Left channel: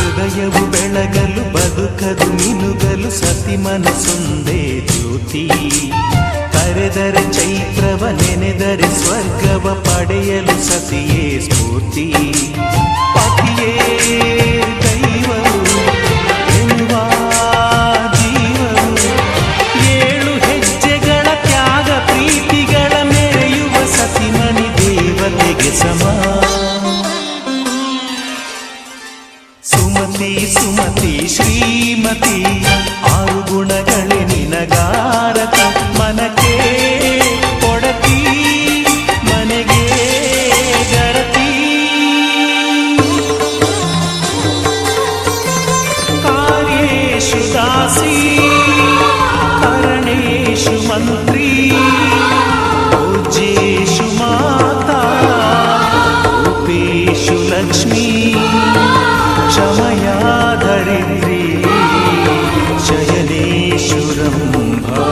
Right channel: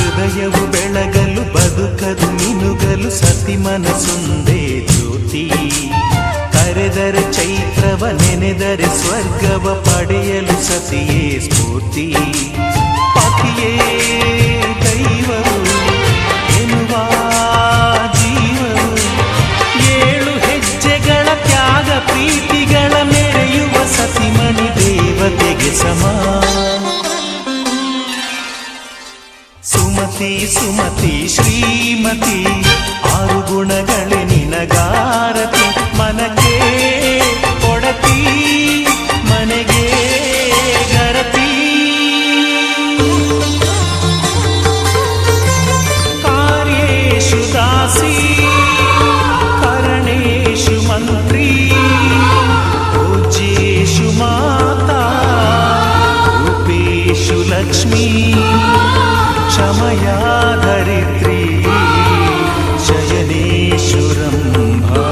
ಹೃದಯವು ಬೆಳಗಲು ಬದುಕದು ಮಿನುಗಲು ಸತಿ ಮನಸೊಂದೇ ಜ್ಯೋತಿ. ಕರೆದರೆ ಚೈತ್ರವ ನೆನೆದರೆ ಸ್ವರ್ಗವ ಪಡೆಯಲು ಸತಿಯೇ ಸ್ಫೂರ್ತಿ. ಪತಿಯೇ ದೈವವು ಎನ್ನುವ ಜೀವವು, 7 ಹೆಜ್ಜೆಗಳ ತ್ಯಾಗ ಪ್ರೀತಿಗಳ ಮೆರೆಯುವ ಸತಿಮಣಿ ದೇವತೆಗೆ ಸಮ. ಸುಮತಿ ಸುಮತಿ ಶ್ರೀಮತಿ 6 ಗುಣಗಳೇ ನಿನಗಾರತಿ. ಮನಕ್ಕೆ ಕೊಡತಿ ಮನೆಗೆ ಗರತಿ. ಕಾರ್ಯೇಷು ದಾಸಿ ಕರಣೇಷು ಮಂತ್ರಿ. ಪೂಜ್ಯೇಷು ಮಾತಾ ರೂಪೇಷು ಲಕ್ಷ್ಮೀ. ಕ್ಷಮಯಾ ಧರಿತ್ರಿ ಶಯನೇಷು ರಂಭಾ.